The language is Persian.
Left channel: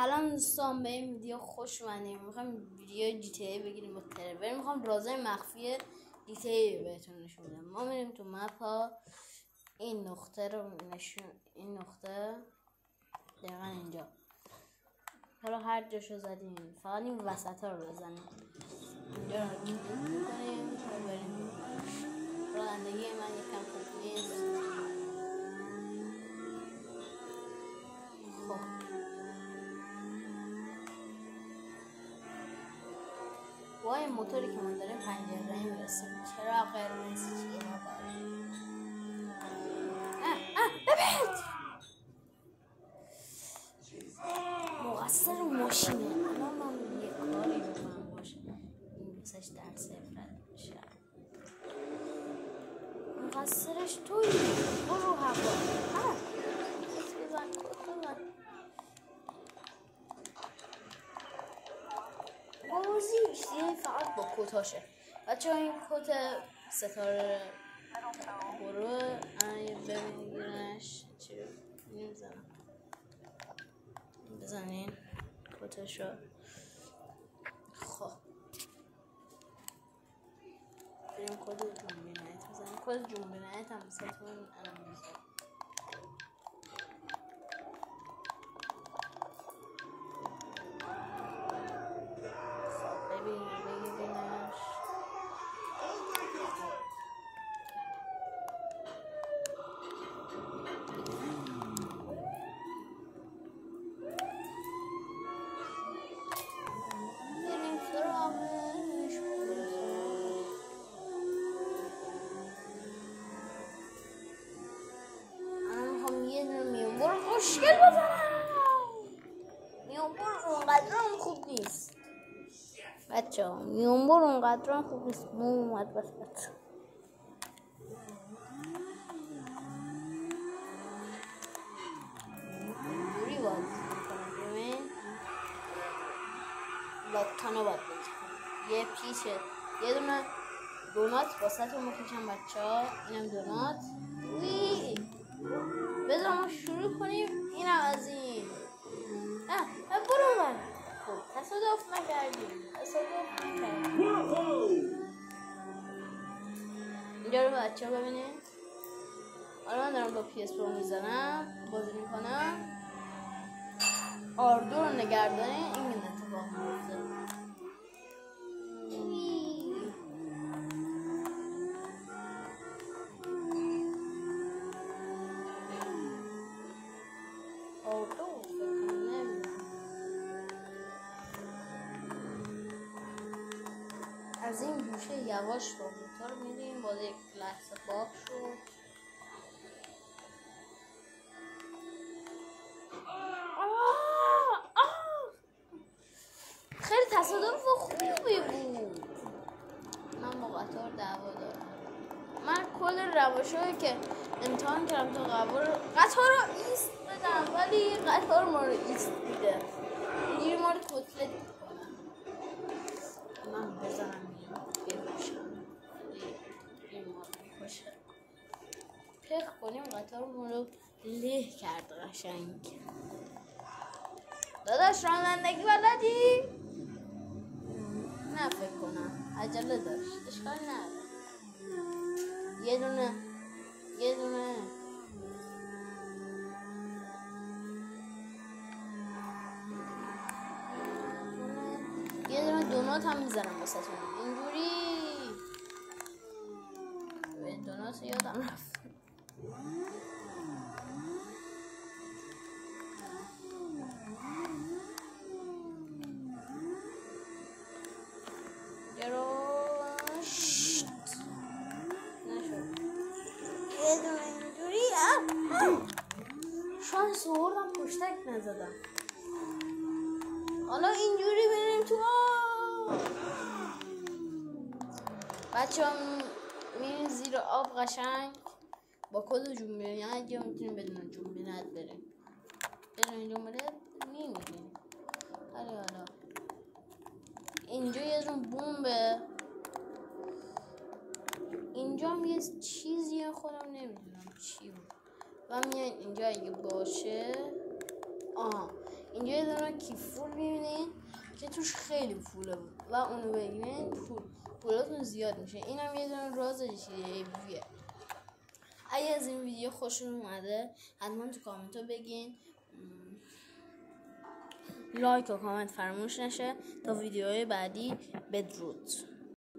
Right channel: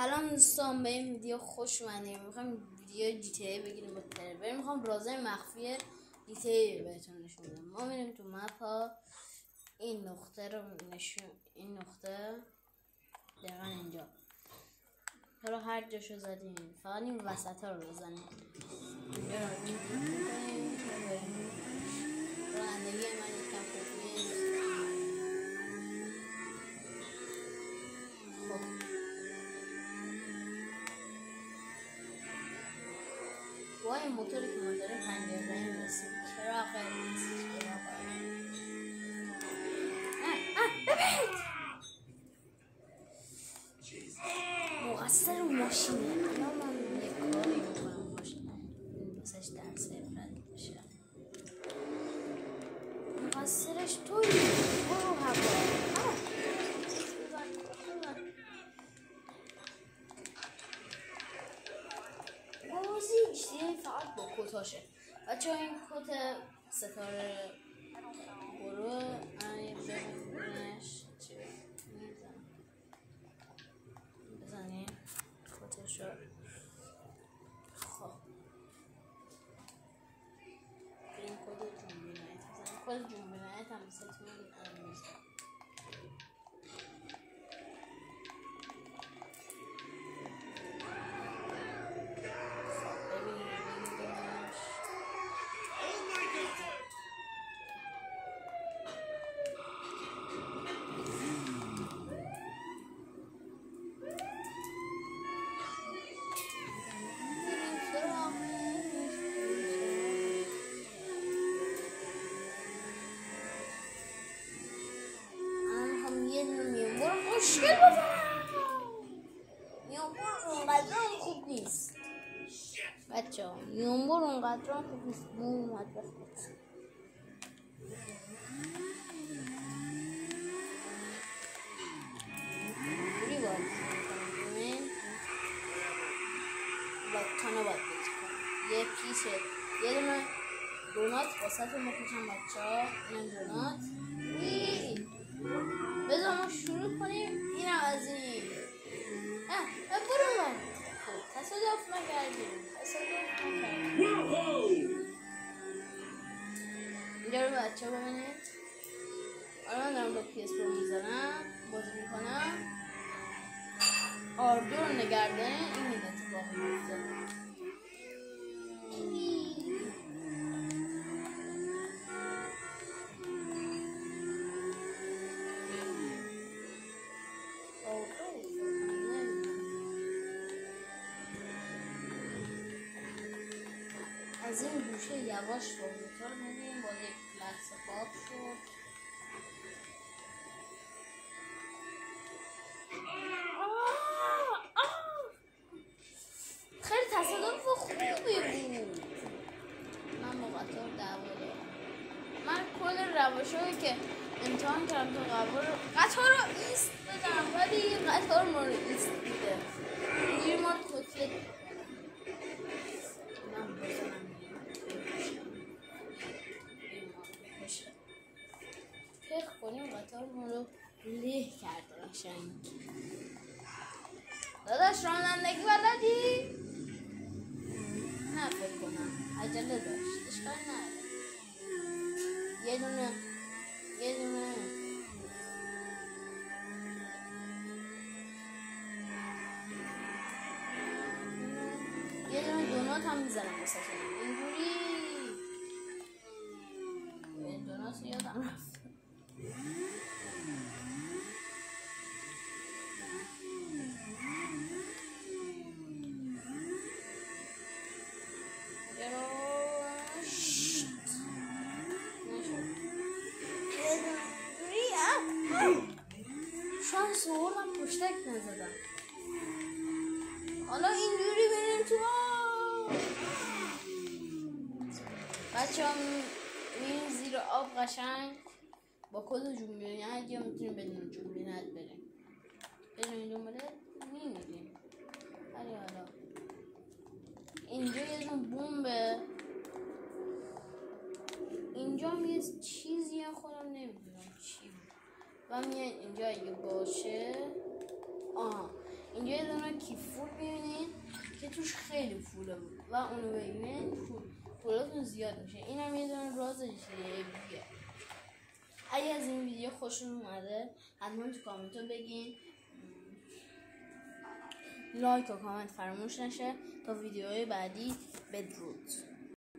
الان دوستان به این ویدیو خوش اومدیم. میخوایم ویدیو جی تی ای بگیریم با ترور. میخوام رازهای مخفی جی تی ای بهتون نشون بدم. ما میریم تو مپ ها، این نقطه رو این نقطه دقیقا اینجا، حالا هر جاشو زدیم فقط این وسط ها رو بزنیم. اینجا رو میکنیم رانندگی من یکم خوب نیست. خب با این موتوری که ما داریم 50 میرسیم. چرا قرمز چرا ببینید مقصر ماشینه. الان من یه کاری میکنم ماشین این دوستش در صفرت بشه. مقصرش توی برو هوا بازی چیه فقط با کتاشه بچه ها. این کت ستاره گروه ببینش چی میزن بزنین کتشو. خب بریم کد جنبینایت بزنین. کد جنبینایت هم بساتون میزن. مشکل بزنم میانبور اونقدر خوب نیست بچه ها. میانبور اونقدر خوب نیست. اومد بسید اینی باید میکنم لاتانا باید بکنم. یه پیشه یه دونه دونات واسه تو میکشم بچه ها. اینم دونات بذار ما شروع کنیم. اینم از این برو من تصادف نکردیم. اینجا رو بچه ها ببینید. حالا من دارم با PS Pro میزنم بازی میکنم. آردو رو نگرده این اتفاق میفته. از این گوشه یواش با موتور میریم. با یک لحظه خواب شد. خیلی تصادف خوبی بود. من با قطار دعوا دارم. من کل روشایی که امتحان کردم تا قطار رو ایست بدم ولی قطار ما رو ایست میده. اینجوری ما رو کتلت میکنم. من بزنم پخ کنیم قطار ما رو له کرد قشنگ. داداش رانندگی بلدی؟ نه فکر کنم عجله داشت. اشکال نداره. یه دونه دونات هم میزنم واسه تون. اینجوری این دونات یادم رفت. شانس آوردم پشتک نزدم. حالا اینجوری بریم تو بچه ها. میریم زیر آب قشنگ با کد جنبینایت یا میتونیم بدون جنبینایت بریم. بدون جنبینایت میمیریم. ولی حالا اینجا یه دون بمبه. اینجا هم یه چیزیه خودم نمیدونم چی بود. و میاد اینجا اگه باشه اینجا یه دونه کیفور میبینین که توش خیلی پوله بود و اونو بگیرین پولاتون زیاد میشه. اینم یه دونه راز جیبیه. اگه از این ویدیو خوشتون اومده حتما تو کامنت بگین. لایک و کامنت فراموش نشه. تا ویدیوهای بعدی بدرود.